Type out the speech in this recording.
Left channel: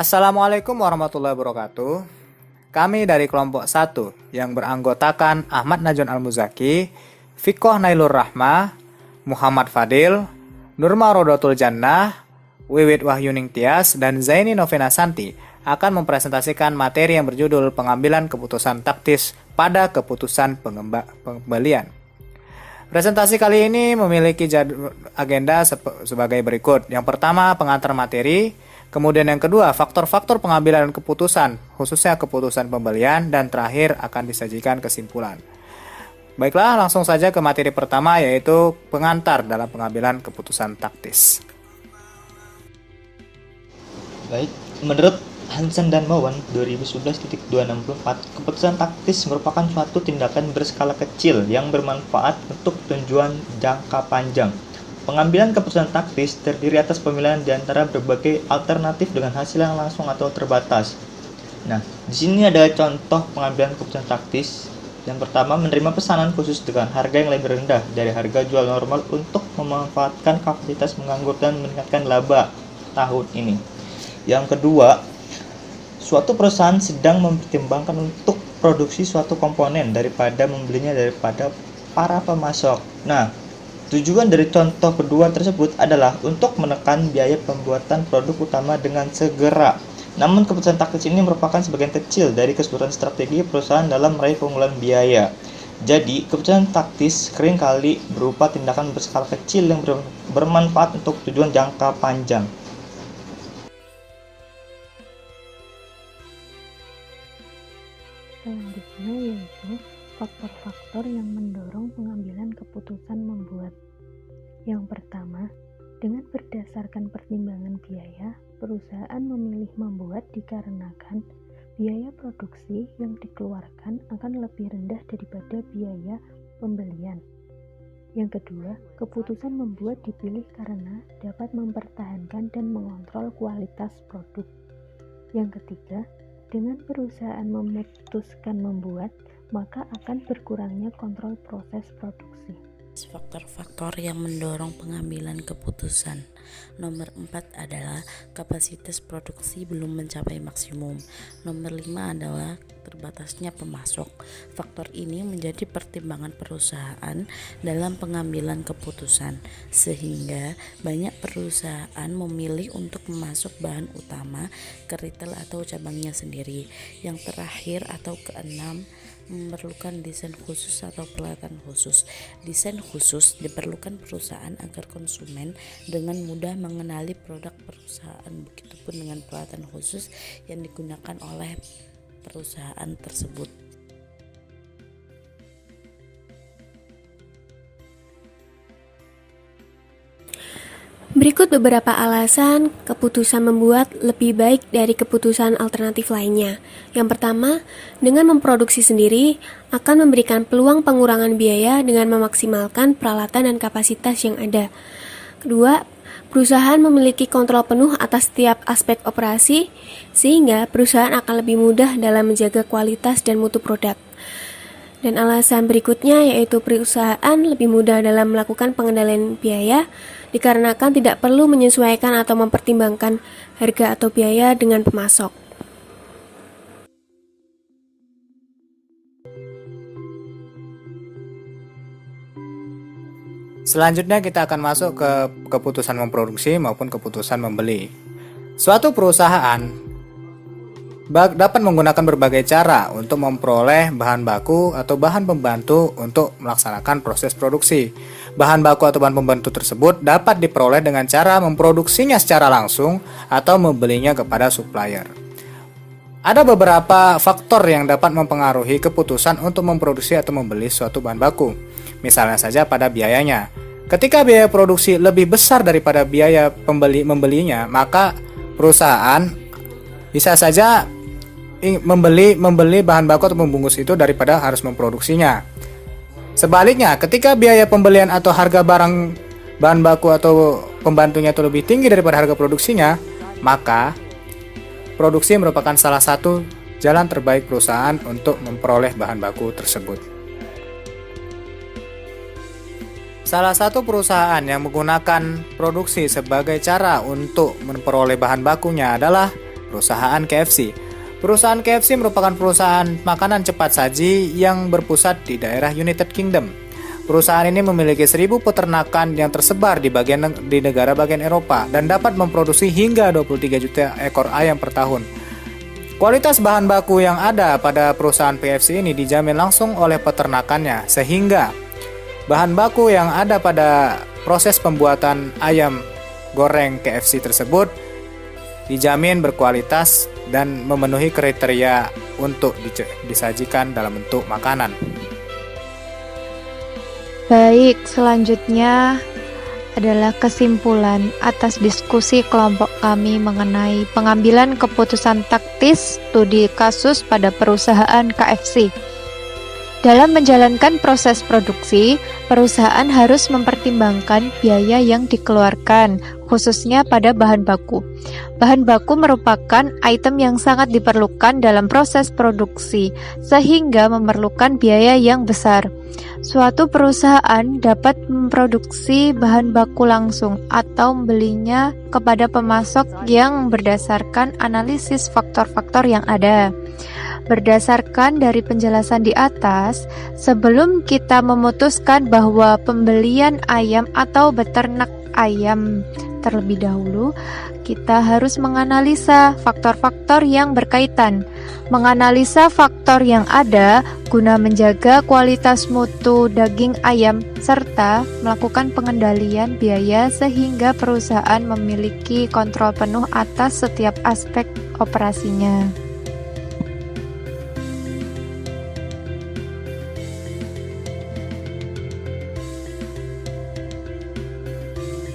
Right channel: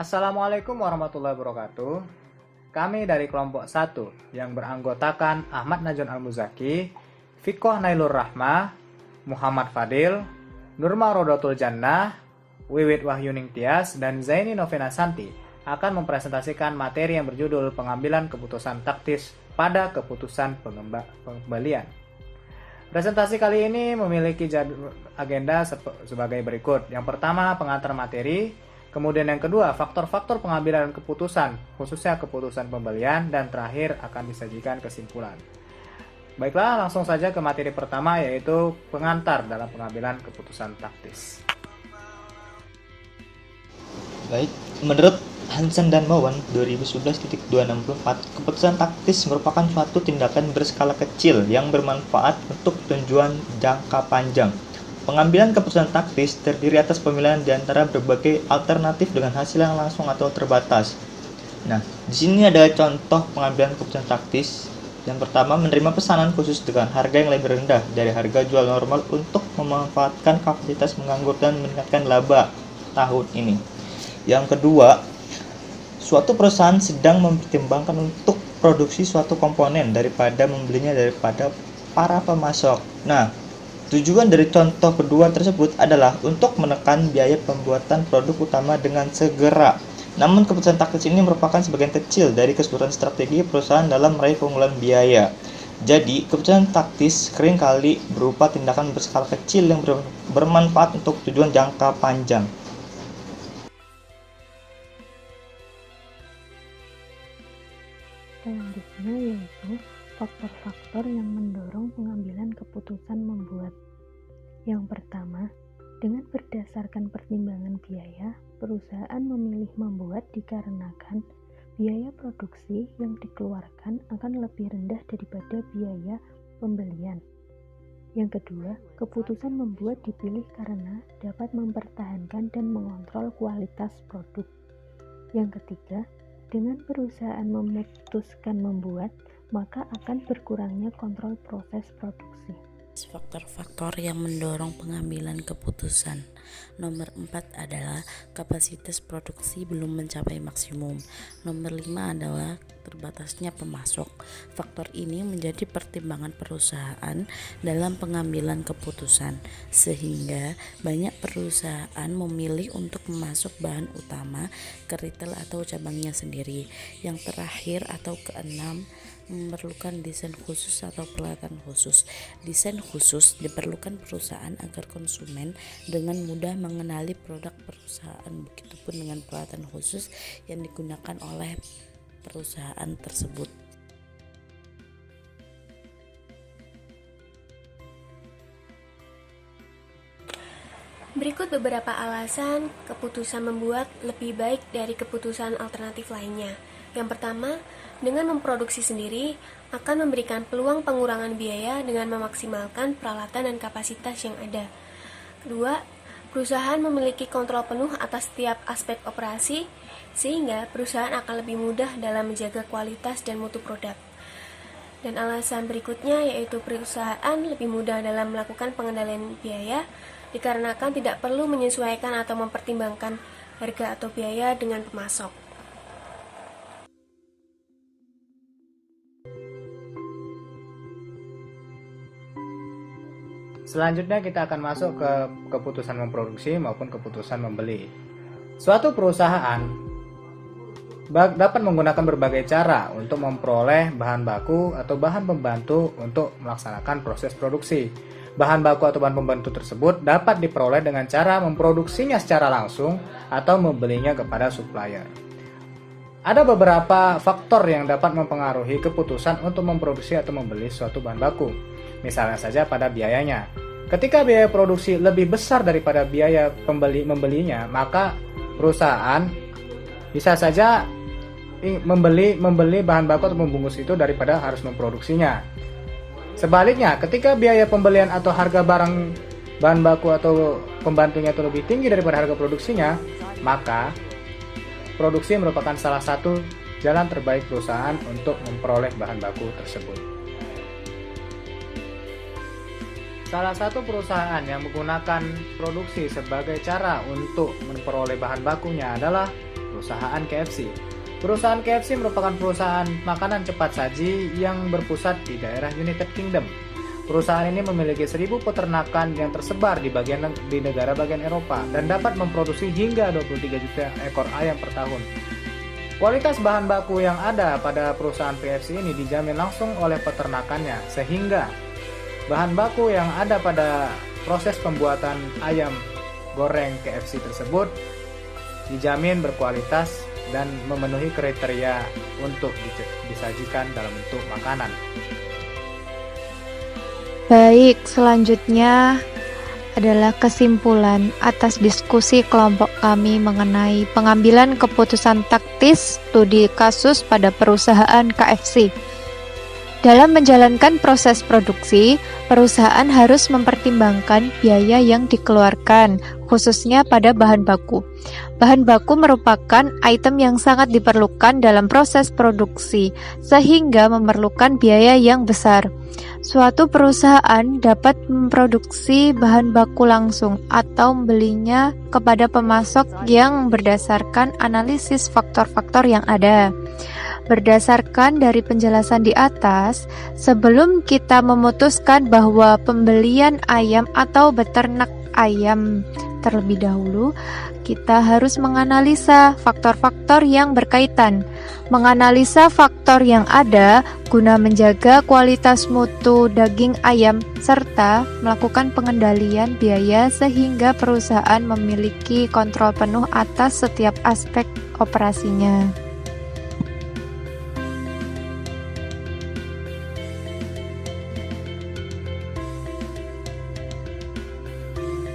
Assalamualaikum warahmatullahi wabarakatuh. Kami dari kelompok 1 yang beranggotakan Ahmad Najwan Al-Muzaki, Fikoh Nailur Rahmah, Muhammad Fadil, Nurma Rodotul Jannah, Wiwit Wahyuning Tias, dan Zaini Novena Santi akan mempresentasikan materi yang berjudul pengambilan keputusan taktis pada keputusan pembelian. Presentasi kali ini memiliki agenda sebagai berikut. Yang pertama, pengantar materi. Kemudian yang kedua, faktor-faktor pengambilan keputusan, khususnya keputusan pembelian. Dan terakhir akan disajikan kesimpulan. Baiklah, langsung saja ke materi pertama, yaitu pengantar dalam pengambilan keputusan taktis. Baik, menurut Hansen dan Mowen 2011.264, keputusan taktis merupakan suatu tindakan berskala kecil yang bermanfaat untuk tujuan jangka panjang. Pengambilan keputusan taktis terdiri atas pemilihan di antara berbagai alternatif dengan hasil yang langsung atau terbatas. Nah, di sini ada contoh pengambilan keputusan taktis. Yang pertama, menerima pesanan khusus dengan harga yang lebih rendah dari harga jual normal untuk memanfaatkan kapasitas menganggur dan meningkatkan laba tahun ini. Yang kedua, suatu perusahaan sedang mempertimbangkan untuk produksi suatu komponen daripada membelinya daripada para pemasok. Nah, tujuan dari contoh kedua tersebut adalah untuk menekan biaya pembuatan produk utama dengan segera. Namun keputusan taktis ini merupakan sebagian kecil dari keseluruhan strategi perusahaan dalam meraih keunggulan biaya. Jadi, keputusan taktis seringkali berupa tindakan berskala kecil yang bermanfaat untuk tujuan jangka panjang. Selanjutnya yaitu faktor-faktor yang mendorong pengambilan keputusan membuat. Yang pertama, dengan berdasarkan pertimbangan biaya, perusahaan memilih membuat dikarenakan biaya produksi yang dikeluarkan akan lebih rendah daripada biaya pembelian. Yang kedua, keputusan membuat dipilih karena dapat mempertahankan dan mengontrol kualitas produk. Yang ketiga, dengan perusahaan memutuskan membuat, maka akan berkurangnya kontrol proses produksi. Faktor-faktor yang mendorong pengambilan keputusan. Nomor 4 adalah kapasitas produksi belum mencapai maksimum. Nomor 5 adalah terbatasnya pemasok. Faktor ini menjadi pertimbangan perusahaan dalam pengambilan keputusan, sehingga banyak perusahaan memilih untuk memasok bahan utama ke retail atau cabangnya sendiri. Yang terakhir atau keenam, memerlukan desain khusus atau pelatihan khusus. Desain khusus diperlukan perusahaan agar konsumen dengan mudah mengenali produk perusahaan, begitupun dengan pelatihan khusus yang digunakan oleh perusahaan tersebut. Berikut beberapa alasan keputusan membuat lebih baik dari keputusan alternatif lainnya. Yang pertama, dengan memproduksi sendiri akan memberikan peluang pengurangan biaya dengan memaksimalkan peralatan dan kapasitas yang ada. Kedua, perusahaan memiliki kontrol penuh atas setiap aspek operasi, sehingga perusahaan akan lebih mudah dalam menjaga kualitas dan mutu produk. Dan alasan berikutnya yaitu perusahaan lebih mudah dalam melakukan pengendalian biaya, dikarenakan tidak perlu menyesuaikan atau mempertimbangkan harga atau biaya dengan pemasok. Selanjutnya kita akan masuk ke keputusan memproduksi maupun keputusan membeli. Suatu perusahaan dapat menggunakan berbagai cara untuk memperoleh bahan baku atau bahan pembantu untuk melaksanakan proses produksi. Bahan baku atau bahan pembantu tersebut dapat diperoleh dengan cara memproduksinya secara langsung atau membelinya kepada supplier. Ada beberapa faktor yang dapat mempengaruhi keputusan untuk memproduksi atau membeli suatu bahan baku. Misalnya saja pada biayanya. Ketika biaya produksi lebih besar daripada biaya membelinya, maka perusahaan bisa saja membeli bahan baku atau membungkus itu daripada harus memproduksinya. Sebaliknya, ketika biaya pembelian atau harga bahan baku atau pembantunya itu lebih tinggi daripada harga produksinya, maka produksi merupakan salah satu jalan terbaik perusahaan untuk memperoleh bahan baku tersebut. Salah satu perusahaan yang menggunakan produksi sebagai cara untuk memperoleh bahan bakunya adalah perusahaan KFC. Perusahaan KFC merupakan perusahaan makanan cepat saji yang berpusat di daerah United Kingdom. Perusahaan ini memiliki 1.000 peternakan yang tersebar di negara bagian Eropa dan dapat memproduksi hingga 23 juta ekor ayam per tahun. Kualitas bahan baku yang ada pada perusahaan KFC ini dijamin langsung oleh peternakannya, sehingga bahan baku yang ada pada proses pembuatan ayam goreng KFC tersebut dijamin berkualitas dan memenuhi kriteria untuk disajikan dalam bentuk makanan. Baik, selanjutnya adalah kesimpulan atas diskusi kelompok kami mengenai pengambilan keputusan taktis studi kasus pada perusahaan KFC. Dalam menjalankan proses produksi, perusahaan harus mempertimbangkan biaya yang dikeluarkan, khususnya pada bahan baku. Bahan baku merupakan item yang sangat diperlukan dalam proses produksi, sehingga memerlukan biaya yang besar. Suatu perusahaan dapat memproduksi bahan baku langsung atau membelinya kepada pemasok yang berdasarkan analisis faktor-faktor yang ada. Berdasarkan dari penjelasan di atas, sebelum kita memutuskan bahwa pembelian ayam atau beternak ayam terlebih dahulu, kita harus menganalisa faktor-faktor yang berkaitan. Menganalisa faktor yang ada guna menjaga kualitas mutu daging ayam serta melakukan pengendalian biaya sehingga perusahaan memiliki kontrol penuh atas setiap aspek operasinya.